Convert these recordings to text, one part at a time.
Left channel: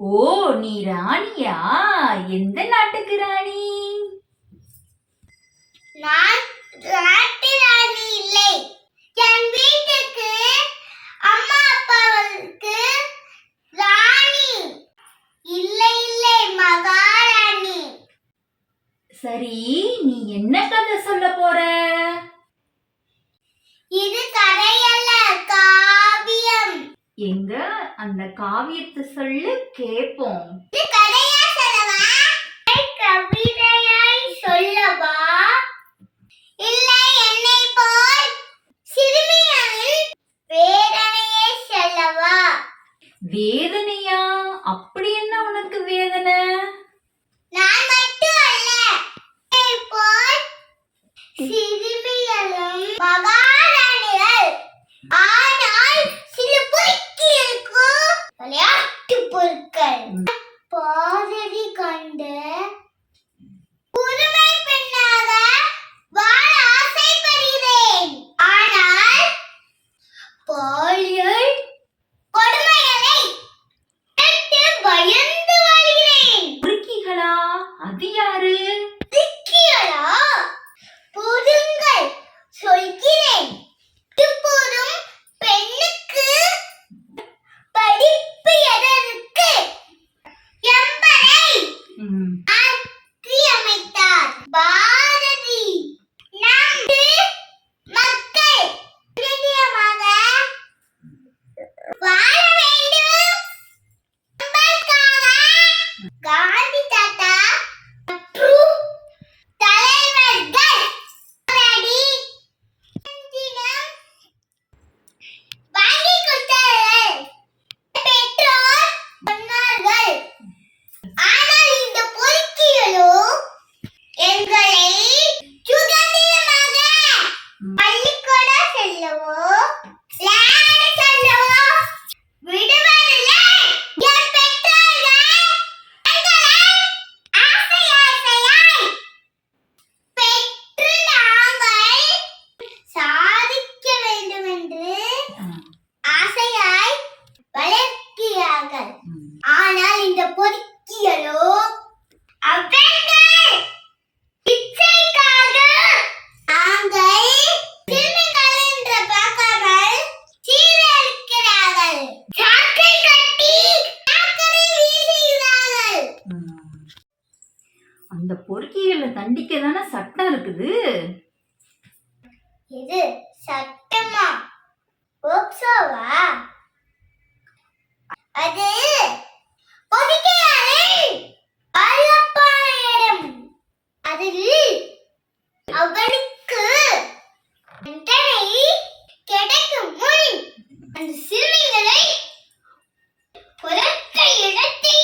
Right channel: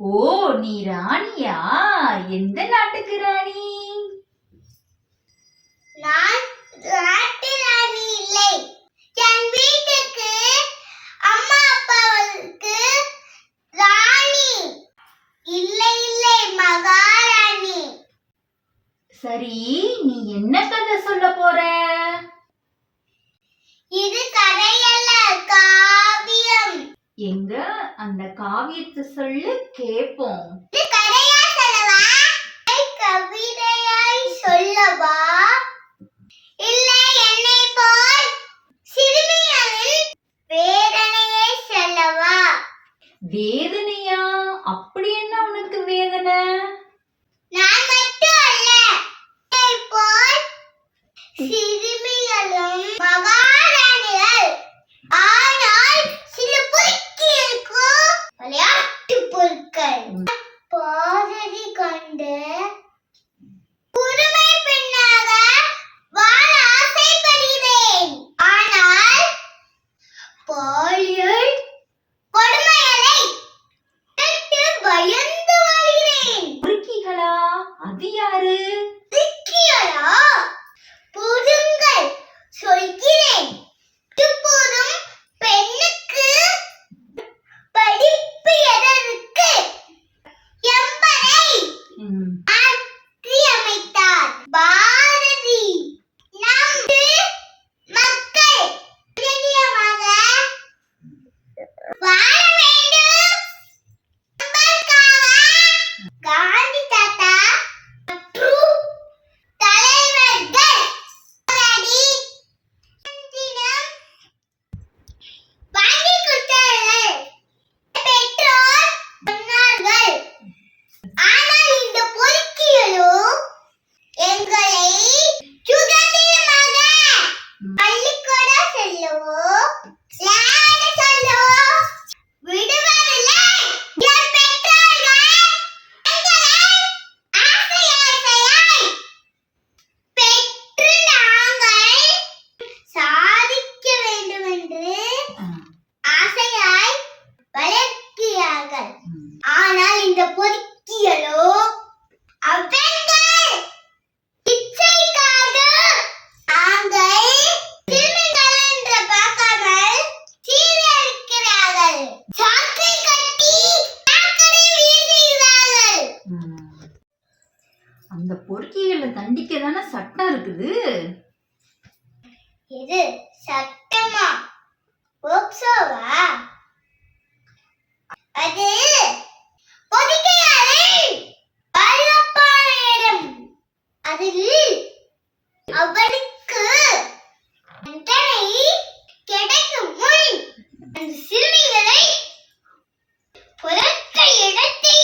ஓ நீ ராணியா? எந்த நாட்டுக்கு ராணி? நான் நாட்டு ராணி இல்லை. என் வீட்டுக்கு அம்மா அப்பாவுக்கு ராணி. இல்லை இல்லை மகாராணி. சரி நீ என்ன கதை சொல்ல போற? இது கதையல்ல அந்த காவியத்தை சொல்லு இல்லை, கவிதையாய் சொல்லவா? இல்லை என்னை போல் சிறுமியின் வேதனையை சொல்லவா? வேதனையா பொறுக்கிகளை தண்டிக்க தானே சட்டம் இருக்குது? இது சட்டமா? போக்சோவா? அது பொதுக்கையாளர் வல்லப்பாயிடம் அதில் அவனுக்கு தண்டனை கிடைக்கும் முன் அந்த சிறுமிகளை புறத்த இடத்தை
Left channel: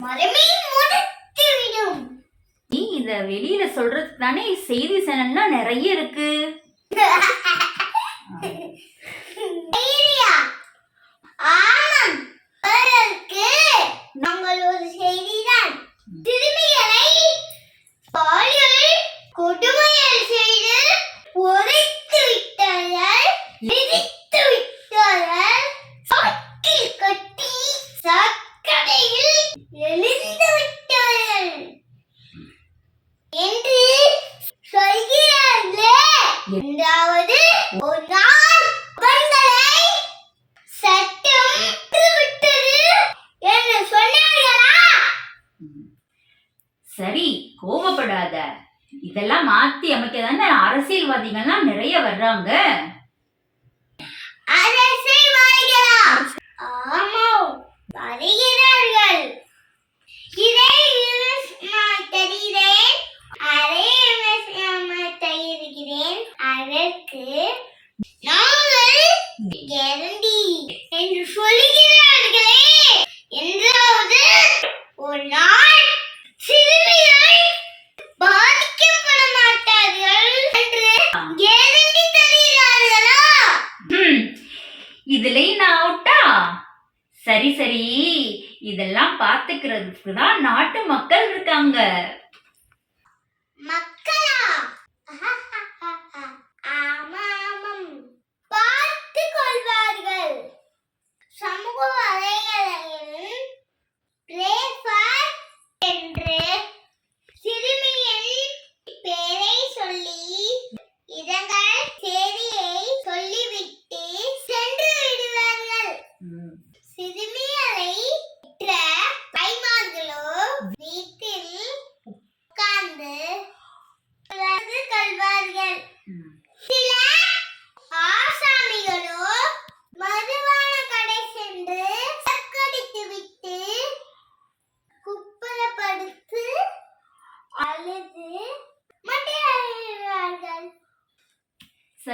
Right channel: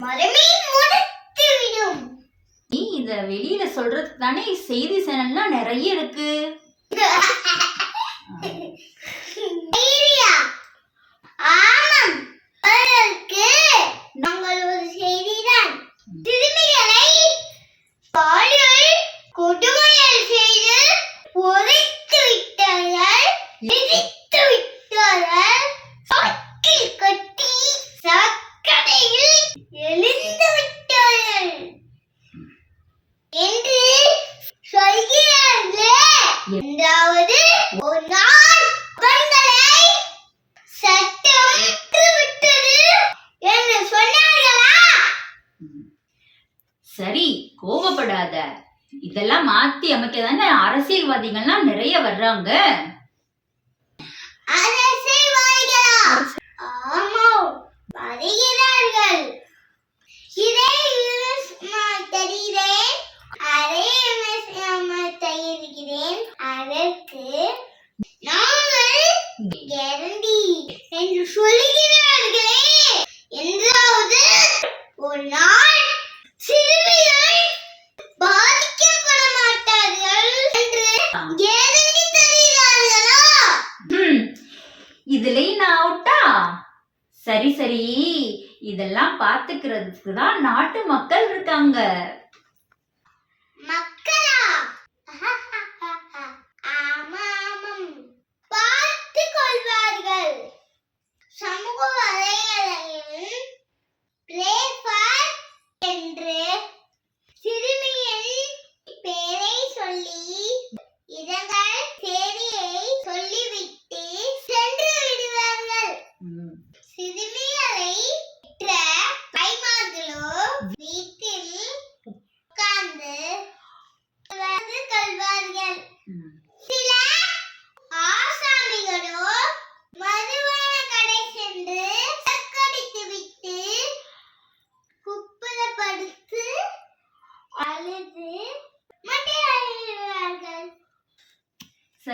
மரமே இத வெளியில சொல்றதுக்கு தானே செய்தி சேனல்லாம் நிறைய இருக்கு. ஐயா சரி கோபப்படாத இதெல்லாம் மாத்தி அமைக்க தானே அரசியல்வாதிகள்லாம் நிறைய வர்றாங்க. சரி சரி. இதெல்லாம் பாத்துக்கிறதுக்கு தான் நாட்டு மக்கள் இருக்காங்க. மக்களா?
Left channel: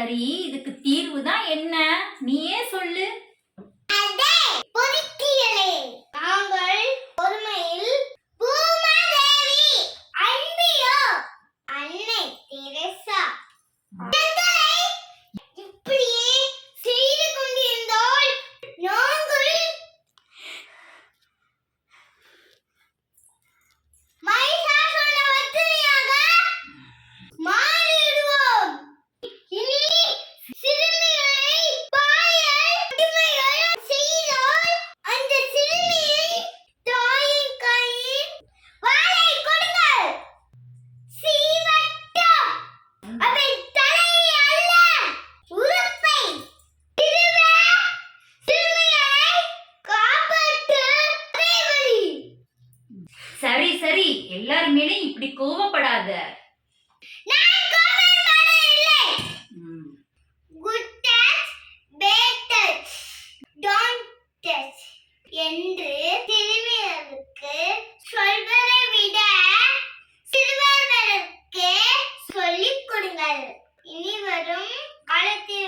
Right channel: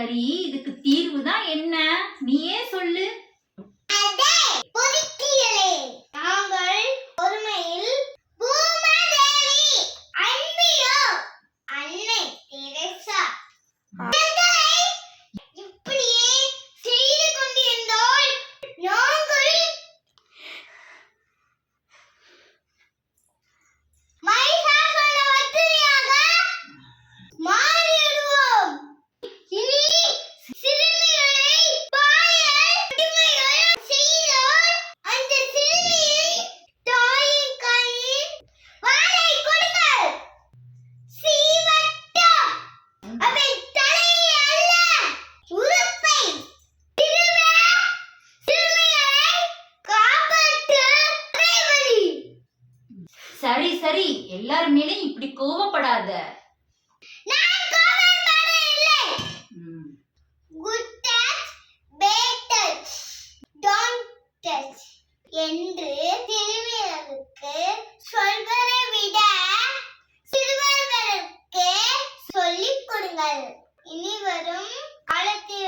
சரி இதுக்கு தீர்வு தான் என்ன? நீயே சொல்லு. இப்படி கோவப்படாத. என்று திருவிழாவுக்கு சொல்வதை விட சிறுவர்களுக்கு சொல்லிக் கொடுங்கள். இனி வரும் காலத்தில்